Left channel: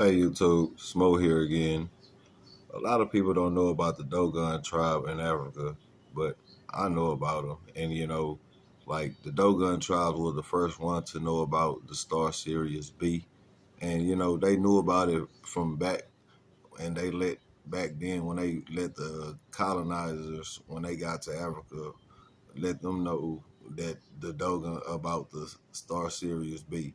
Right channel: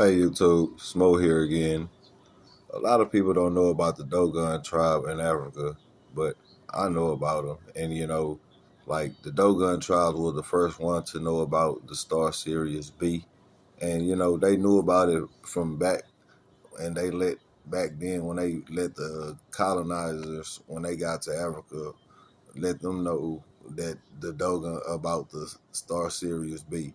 Hey YouTube, Smo here again. A lot of people don't know about the Dogon tribe in Africa, but I know about them. And like the Dogon tribe was the first one to know about the Star Sirius B. And they knew about it from back and they let back then when they let the colonizers when they got to Africa let them know that the Dogon about the Star Sirius B.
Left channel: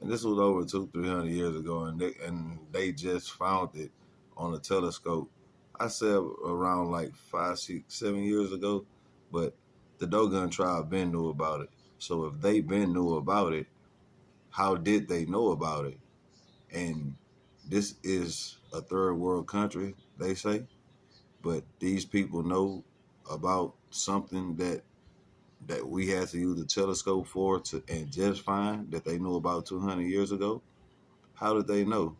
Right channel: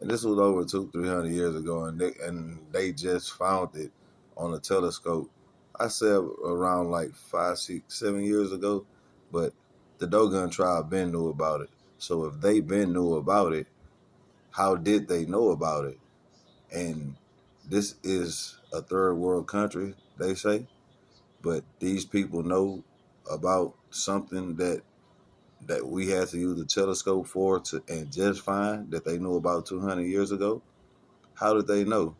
And this was over 300 years ago, and they just found it on a telescope. I said around like 5, 6, 7 years ago, but the Dogon tribe been knew about it. So if they been knew about it, how did they know about it? And this is a third world country, they say, but these people know about something that we had to use a telescope for to and just find that they knew about 200 years ago. How did they know?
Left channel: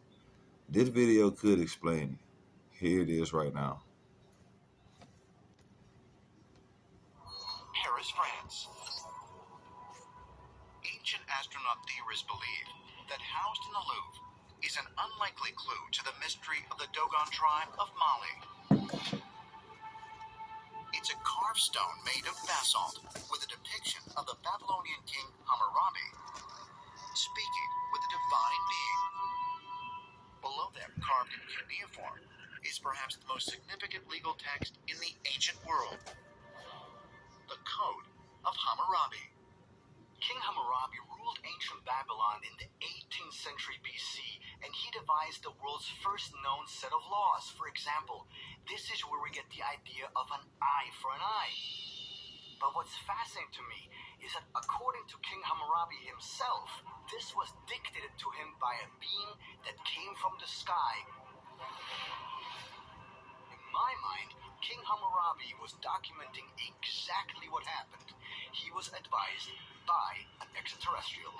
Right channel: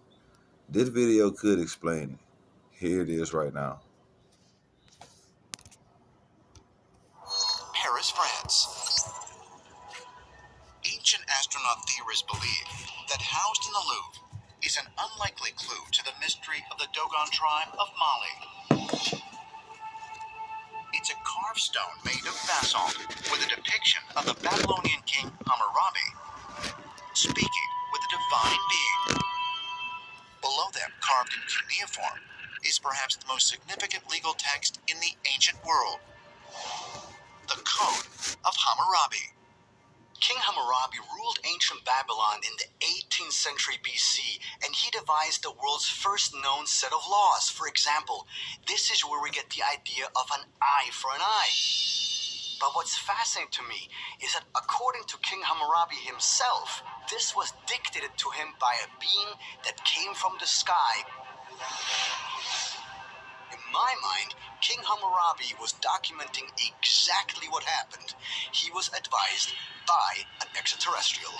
This video could explain it. Here it is right now. Paris, France. Ancient astronaut theorists believe that housed in the Louvre is an unlikely clue to the mystery of the Dogon tribe of Mali. It's a carved stone made of basalt with a depiction of the Babylonian king Hammurabi speaking with a divine being. Below them, carved in cuneiform, is perhaps the most significant legal text in the ancient world, the Code of Hammurabi. King Hammurabi ruled ancient Babylon in the 18th century BC, and he devised the world's first known set of laws. For example, this is where we get the idea of an eye for an eye. But what's fascinating to me is that according to King Hammurabi himself, this was dictated to him by a being that came from the sky. In my mind, King Hammurabi was documenting exactly what happened. He was advised by an extraterrestrial.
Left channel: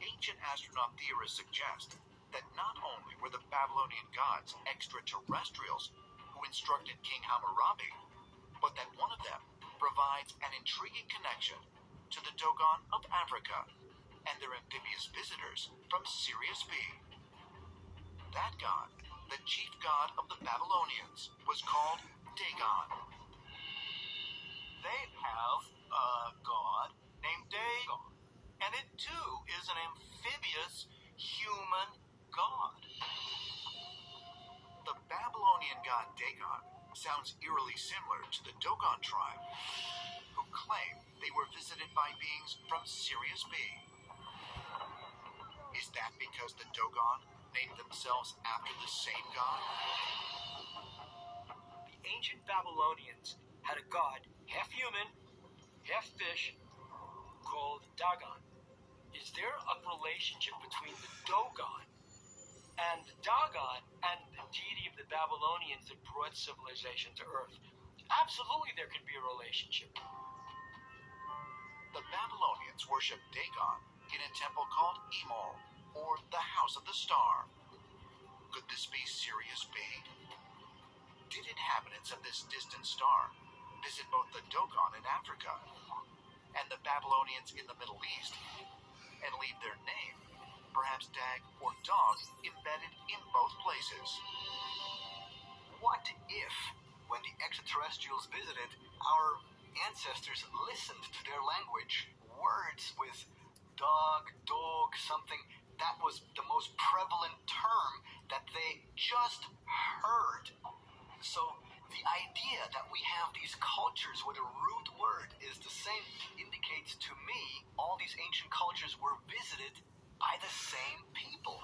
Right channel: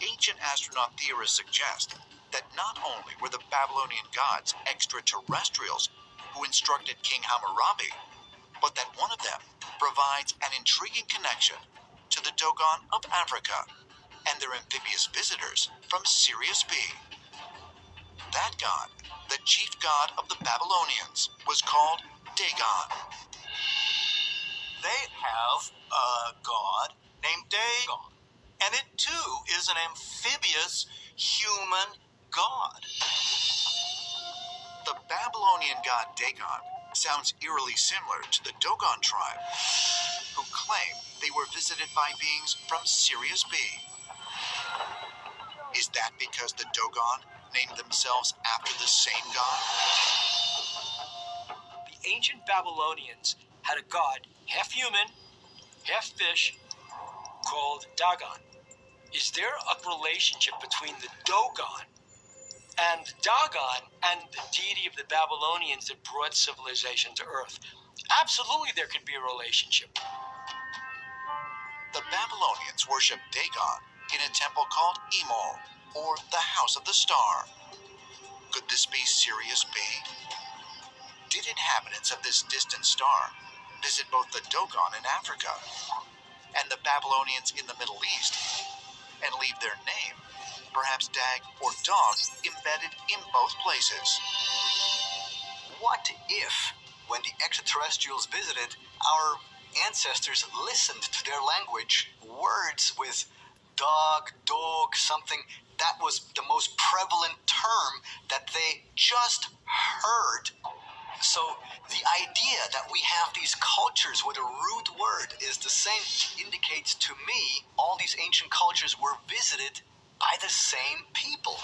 Ancient astronaut theorists suggest that not only were the Babylonian gods extraterrestrials who instructed King Hammurabi, but that one of them provides an intriguing connection to the Dogon of Africa and their amphibious visitors from Sirius B. That god, the chief god of the Babylonians, was called Dagon. They have a god named Dogon, and it too is an amphibious human god. The Babylonian god Dagon sounds eerily similar to the Dogon tribe, who claim they were visited by beings from Sirius B. Is that because the Dogon named themselves after the same god? The ancient Babylonians had a god, half human, half fish, called Dogon. Is there a relationship between the Dogon and Dagon and the deity of the Babylonians that brought civilization to Earth? Absolutely, there could be a relationship. The Babylonians worshipped Dagon in a temple called Emol, or the House of the Star. Could this be Sirius B? Did inhabitants of this distant star visit both the Dogon in Africa and the Babylonians in the Middle East and leave their name, perhaps Dag or Dog, embedded in both places? What if, when the extraterrestrials visited, our ancestors listened to their language, words with dog, something that was the most prevalent term that they just heard? So the idea that we have these cultures with a root word is the same indicates to me all these ancient cultures were visited by the same people.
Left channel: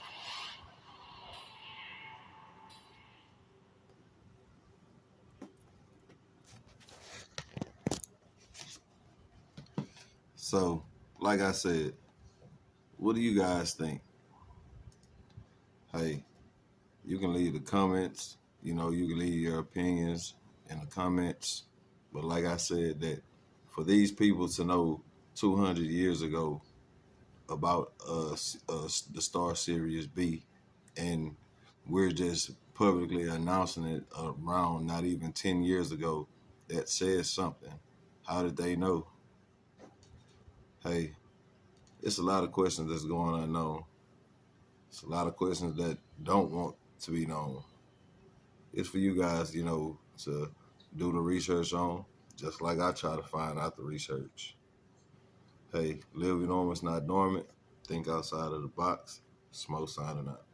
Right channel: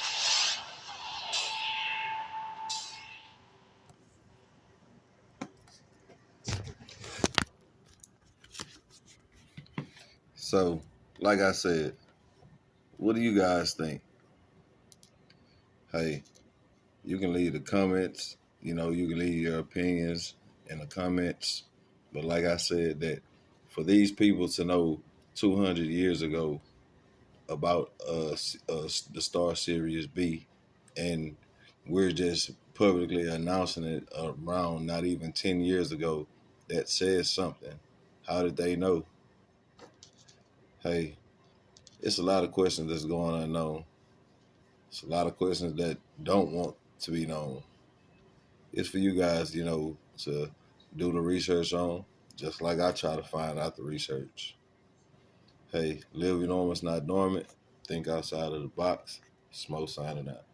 So, like I said, what do you guys think? Hey, you can leave the comments. You can leave your opinions in the comments. But like I said, that for these people to know 200 years ago about the Star Sirius B, and we're just publicly announcing it around not even 10 years ago, that says something. How did they know? Hey, it's a lot of questions that's going unknown. It's a lot of questions that don't want to be known. It's for you guys, to do the research on, just like I try to find out the research. Hey, live enormous, not dormant. Think outside of the box. Smo signing out.